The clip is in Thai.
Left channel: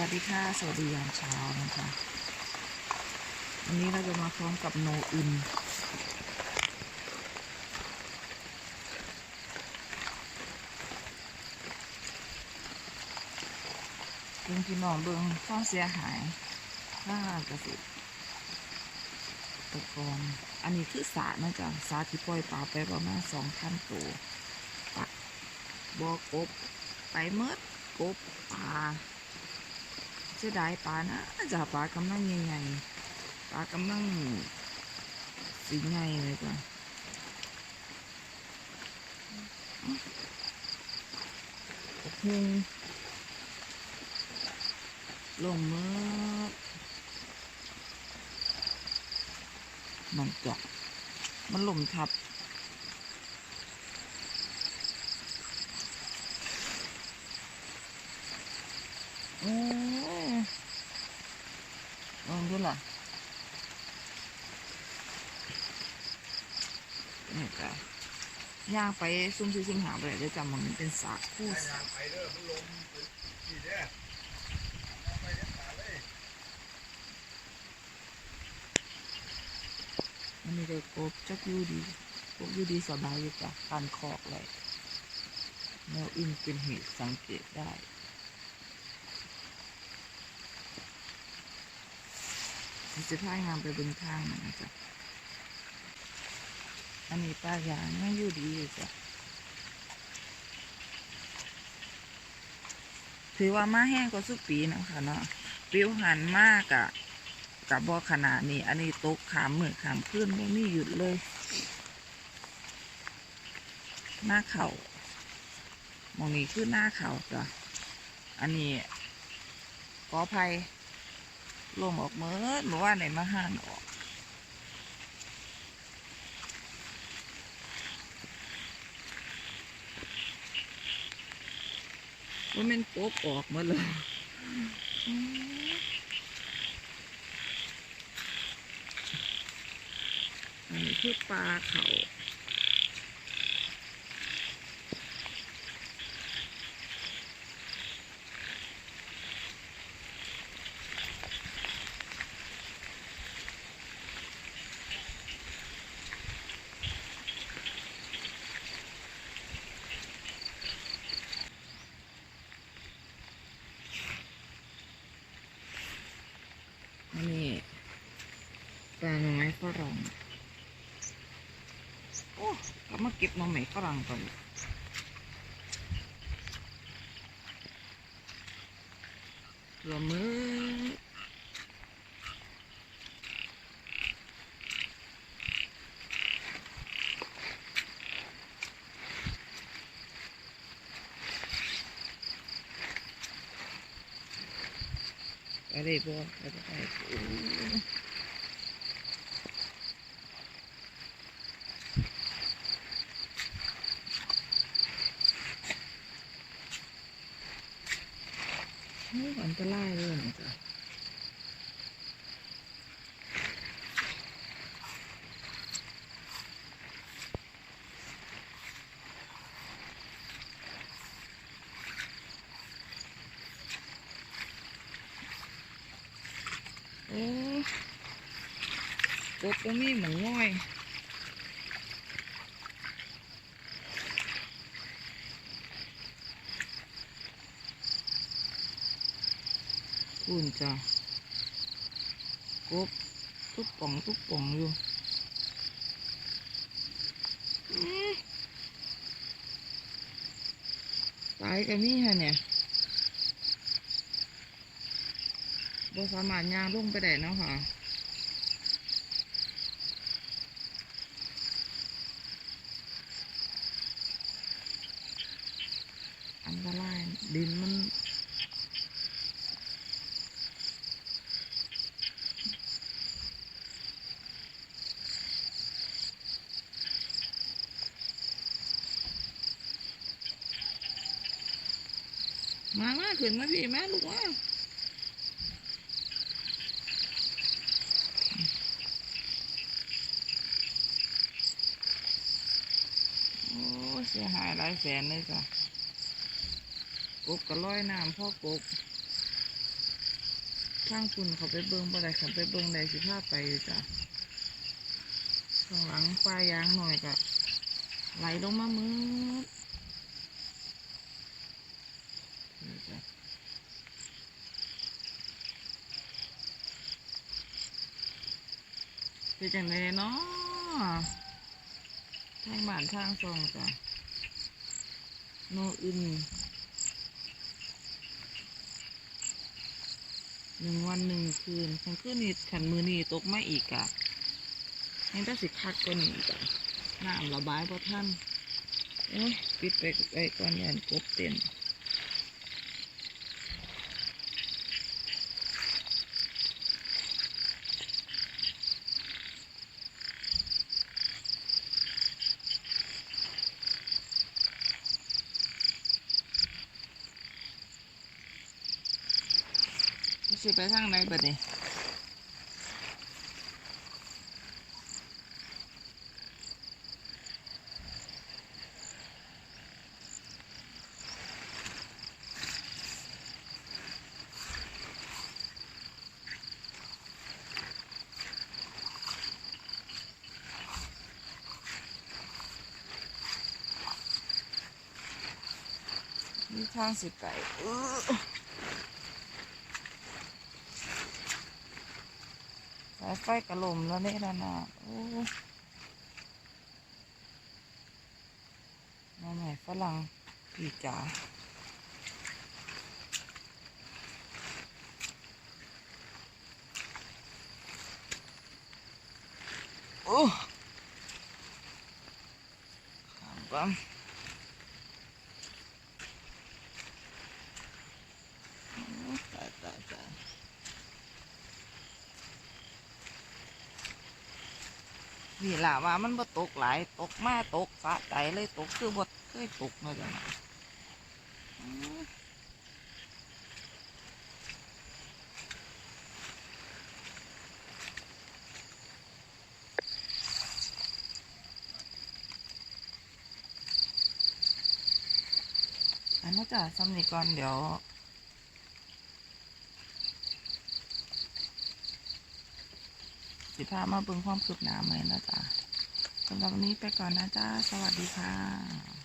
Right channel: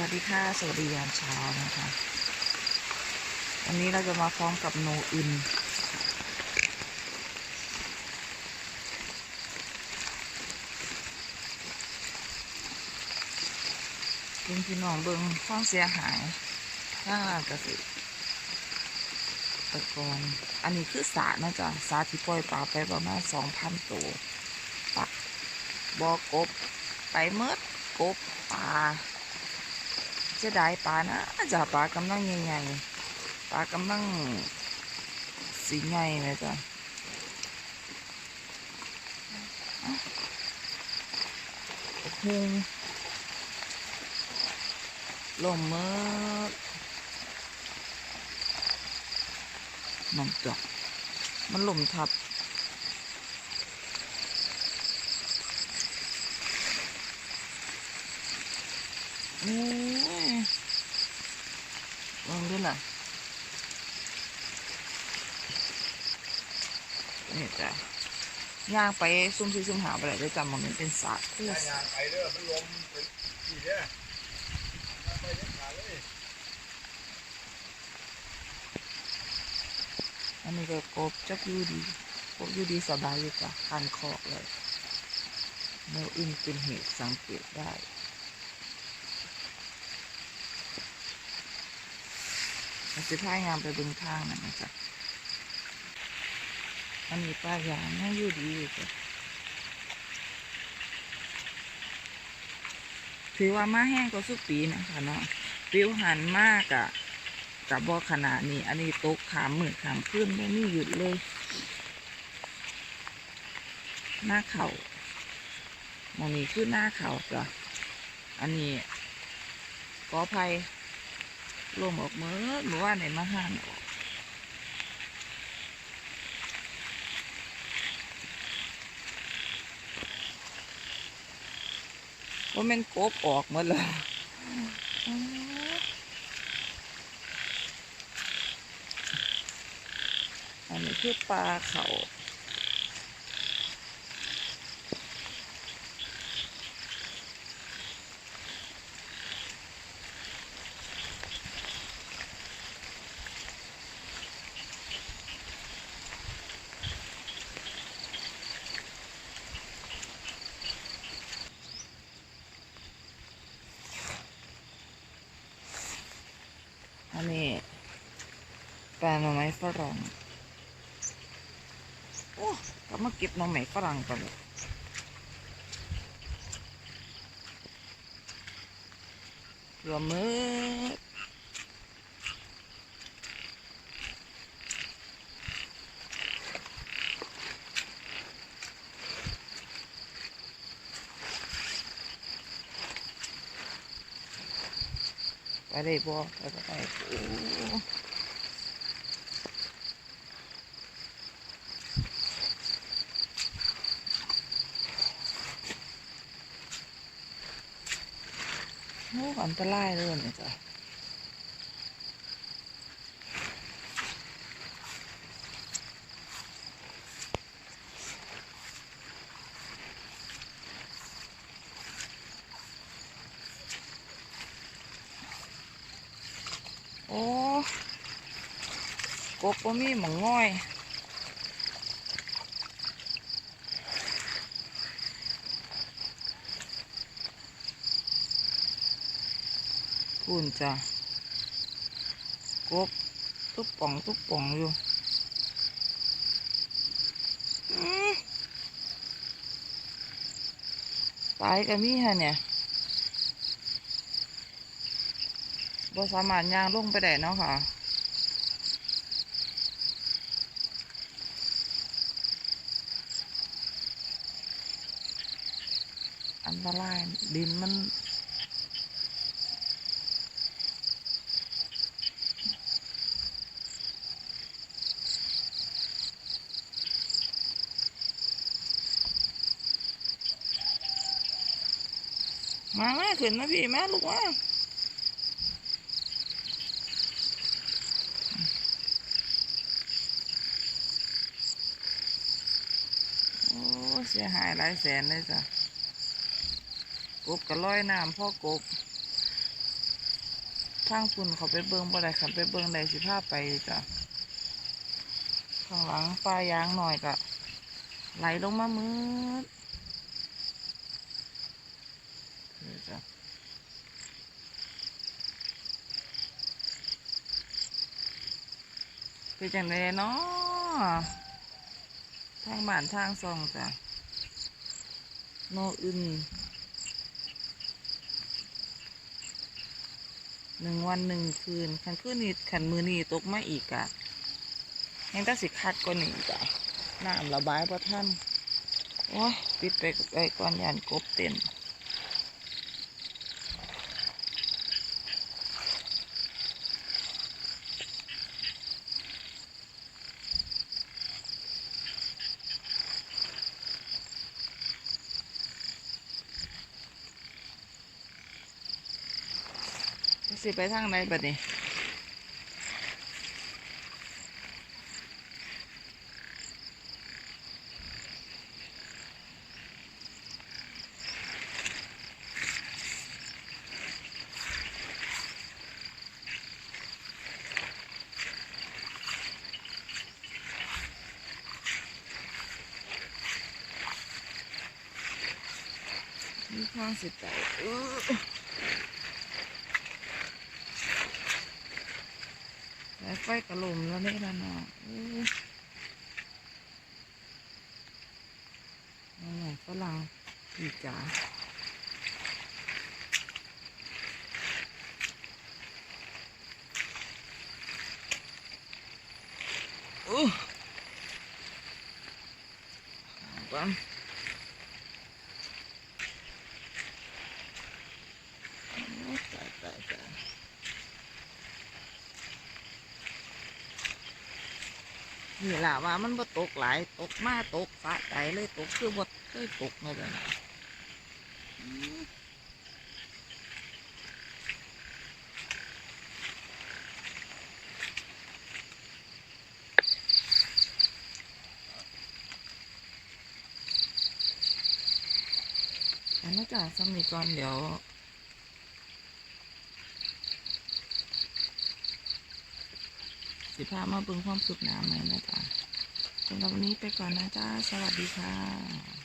วัสดีค่ะสวัสดียามเช้านะคะวันนี้เราจะมาพร้อมกับโนอึนเบิ่งพี่น้องเบิ่งความเสียหายข้างเกษตรกรอันนี้คือสระนะจ๊ะสระที่ปล่อยปลาไปประมาณ2,000 ตัวปลาบ่อกบไปเมดกบปลาเสียดายปลานะจ๊ะปลากำลังใหญ่ๆปลากำลังสีใหญ่ไหมจ๊ะโอ้โหลมเมดมันจอกมันลมทับโอ้ยลองดูล่ะนี่จ้ะย่างไปซุ่มซีซุ่มหาไปเลยได้จำมันเป็นสาคู่ย่างไปเด้อมันลมเป็นสี่เด้อมาไปเด็ดขาดเลย อันนี้ก็กบจักอยู่ดีกบอยู่ดีสบายอยู่จ้ะคันคอกเลยแนวอื่นเป็นเหตุสังเกตได้มันจะพายงามไปเบึงทางนั่นนะจ๊ะอันนี้ป้ายางน่าอยู่ดีอยู่จ้ะถือว่ามาแห้งกว่าสุกปีนะคะเนาะปิวหันมากอะกับบอขนาดนี้อันนี้ตกขามมือขามขึ้นไม่มีหยุดเลยหน้าเขามองนี้คือหน้าเขาจ้ะอันนี้กอไผ่ลมออกเมื่อว่าไหนมาห่านออกว่ามันกบออกหมดเลยอันนี้คือปลาเขาอันนี้ปลาหน่อไม้ฝรั่งโอ้ก็มาเก็บหน่อไม้ฝรั่งกันตัวมือไปเลยบ่ไปโอ้โหอันตรายเลยเนี่ยจ้ะโอ้กบก็มีหมองง่อยพูนจ้ะกบตุ๊บป่องอยู่ตายกันนี่ฮะเนี่ยบ่สามารถย่างลงไปได้เนาะค่ะอันตรายดินมันมาขึ้นมาพี่มาลูกว่าโอ้เสียหายหลายแสนเลยจ้ะกบก็ลอยน้ำพ่อกบ ทางฝุ่นเขาไปเบิ่งบ่ได้ขันไปเบิ่งได้สิพาไปอยู่จ้ะข้างหลังปลายางหน่อยก็ไหลลงมามืดเดี๋ยวจ้ะเป็นจังไดเนาะทางบ้านทางซองจ้ะโนอื่น1 วัน 1 คืนขันคืนนี้ขันมือนี้ตกมาอีกอะยังต้องสิคัดกว่านี้อีกอะน้ำระบายพอท่านโอ้ยปิดไปก่อนยานกบเต้นสิไปทางไหนบัดนี้มีทางสิไปสายไฟกระลมแล้วเนี่ยนะน้องน้องใหญ่ฝรั่งผีจ๋าโอ้ขามปั๊มตายนี่แหละว่ามันบ่ตกหลายตกมาตกสะใจเลยตกคือบ่เคยตกเลยจ้ะนะอืมอันนั้นจ้ะซ้ำนี่ก่อนเดี๋ยวสิพามาเบิ่งความคืบหน้าไหมนะจ๊ะสำหรับวันนี้ไปก่อนนะจ๊ะสวัสดีค่ะ